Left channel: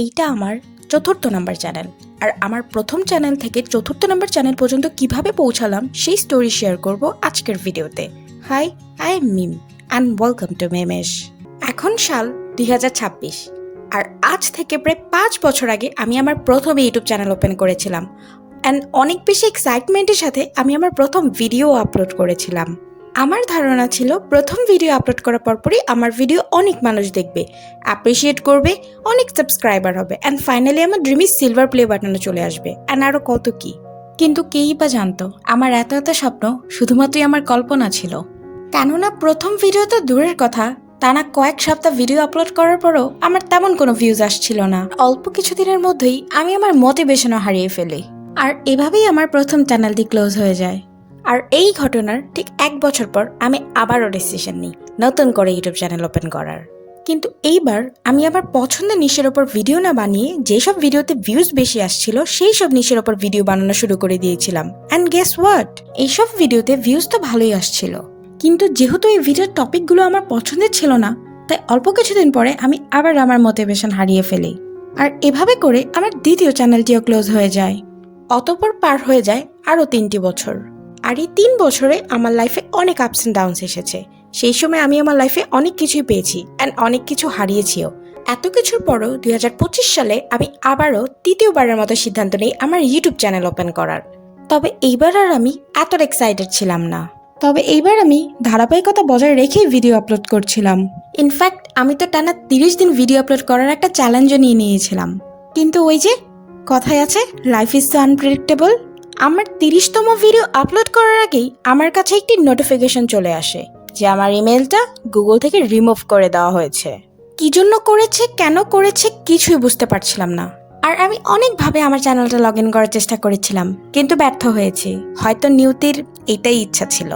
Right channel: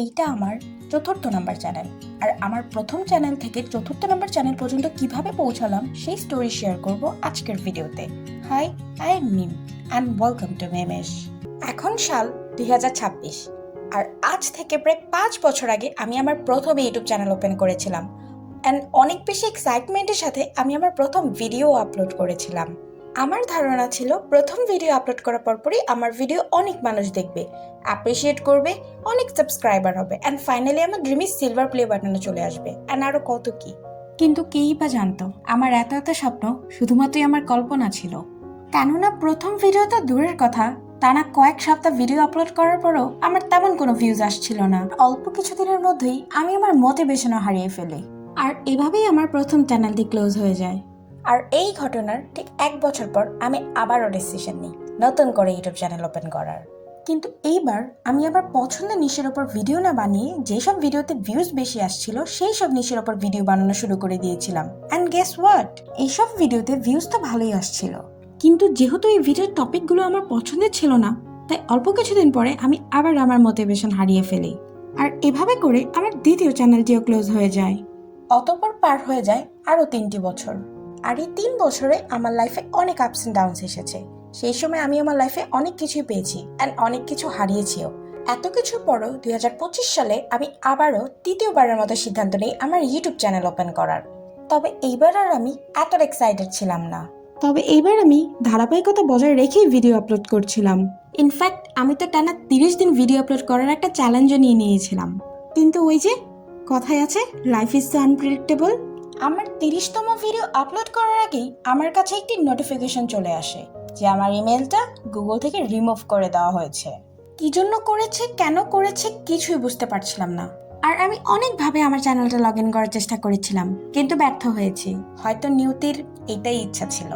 এইটা আমার চতুর্থ নাম্বার চ্যানেল। আর আমার প্রথম চ্যানেল থেকে চতুর্থ নাম্বার চ্যানেল পর্যন্ত কিভাবে পৌঁছালাম সেই স্টোরি শেয়ার করব আজকের ভিডিওতে। Hi, I'm Mim and welcome to মেমেশ। এখন সাল 2026 আর আজ থেকে প্রায় 5 বছর আগে আমি আমার প্রথম ইউটিউব চ্যানেল ওপেন করেছিলাম অ্যান্ড অনেক বেশি এক্সাইটমেন্টের সাথে আমি আমার প্রথম ভিডিও আপলোড করেছিলাম। আমার ধারণা ছিল প্রথম ভিডিও আপলোড করার পরপরই আমার ভিডিও অনেক মানুষ দেখবে, অ্যাপ্রিসিয়েট করবে, অনেক সাবস্ক্রাইবার হবে অ্যান্ড ফাইনালি আমার ড্রিমি সিলভার প্লে বাটনে চলে আসবে অ্যান্ড আরও কত কি। কিন্তু কেই বা জানতো আমার এত এত স্বপ্ন শুধুমাত্রই আমার কল্পনা ছিল। কেননা প্রথম ভিডিও তো দূরের কথা, টানা কয়েক সপ্তাহ ভিডিও আপলোড করার পরও আমার তেমন কোনো ভিউজ আসছিল না। অল্প কিছুদিনের মধ্যেই আমি আমার মোটিভেশনও হারিয়ে ফেলি আর এভাবেই আমার প্রথম চ্যানেলটি ক্লোজ হয়ে যায়। আর এই ঘটনার ঠিক 1 বছর পর আমি আবারও ডিসিশন নিই নতুন করে ইউটিউব চ্যানেল ওপেন করার। কিন্তু এইবার আমি আমার পছন্দের নিশের ওপর ভিডিও না বানিয়ে যেসব ভিডিওতে ভিউজ বেশি আসছিল সেই সব নিশের ওপর ভিডিও বানানো শুরু করে দিয়েছিলাম। অ্যান্ড গেস হোয়াট, এইসব ভিডিওতে ভিউজ তো ভালোই আসছিল, কিন্তু যেহেতু এই ভিডিওর টপিকগুলো আমার পছন্দের ছিল না, তাই অল্প কিছুদিন পরে আমি আবার আমার মোটিভেশন হারিয়ে ফেলি। আর এভাবে করে আমার দ্বিতীয় চ্যানেলটিও ক্লোজ হয়ে যায়। অতঃপর পার হয়ে যায় আরও 3টি বছর। আর এই 3 বছরে আমার লাইফে অনেক আপস অ্যান্ড ডাউনস এসেছে। সেই সময় আমি আমার লাইফে অনেক কিছুই পেয়েছি অ্যান্ড অনেক কিছু হারিয়েছিও। এত কিছুর পরও 2025 সালে আমি আবারও তৃতীয়বারের মতো সিদ্ধান্ত নিই আমার ইউটিউব চ্যানেল ওপেন করার। তবে এইবার আর আমি এত এক্সাইটেড ছিলাম না। তবে এইবার আমি ধারাবাহিকতা বজায় রেখেই ভিডিও আপলোড করছিলাম। ইনফ্যাক্ট আমি তো টানা 30 দিন ভিডিও আপলোড করার একটা চ্যালেঞ্জও নিয়েছিলাম। কিন্তু ওই যে কথায় আছে, লাইফ ইজ সো আনপ্রেডিক্টেবল। আমার 30তম ভিডিও আপলোড করার আগেই আমার কাছে একটি নোটিফিকেশন চলে আসে যে আমার ইমেলটা গুগল থেকে রিমুভ করে দেওয়া হয়েছে। কি জন্য করেছে, কেন করেছে কিছুই বুঝতে পারছিলাম না। আর আমি অনেকভাবে আমার চ্যানেলটা লগ ইন করার চেষ্টা করেছিলাম, কিন্তু ব্যর্থ হয়েছি। হয়তো নিয়তির এটাই ইচ্ছা ছিল।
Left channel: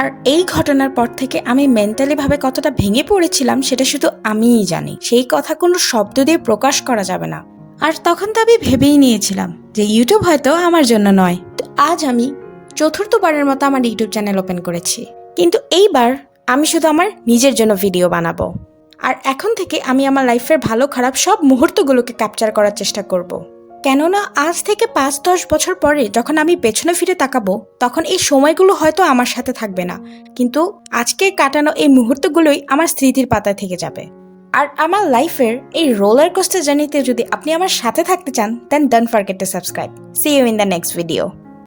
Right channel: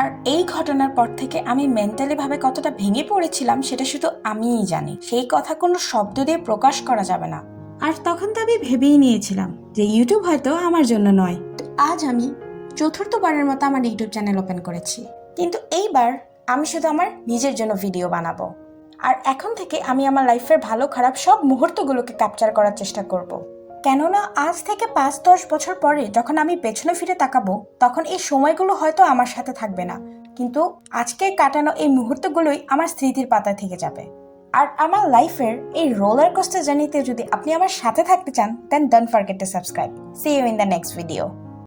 আর এই ঘটনার পর থেকে আমি মেন্টালি ভাবে কতটা ভেঙে পড়েছিলাম সেটা শুধু আমিই জানি। সেই কথা কোনো শব্দ দিয়ে প্রকাশ করা যাবে না। আর তখন তো আমি ভেবেই নিয়েছিলাম যে ইউটিউব হয়তো আমার জন্য নয়। তো আজ আমি চতুর্থবারের মতো আমার ইউটিউব চ্যানেল ওপেন করেছি, কিন্তু এইবার আমি শুধু আমার নিজের জন্য ভিডিও বানাবো। আর এখন থেকে আমি আমার লাইফের ভালো খারাপ সব মুহূর্তগুলোকে ক্যাপচার করার চেষ্টা করব। কেননা আজ থেকে 5-10 বছর পরে যখন আমি পেছনে ফিরে তাকাবো, তখন এই সময়গুলো হয়তো আমার সাথে থাকবে না, কিন্তু আজকে কাটানো এই মুহূর্তগুলোই আমার স্মৃতির পাতায় থেকে যাবে। আর আমার লাইফের এই রোলার কোস্টার জার্নিতে যদি আপনি আমার সাথে থাকতে চান, then don't forget to subscribe. See you in the next video.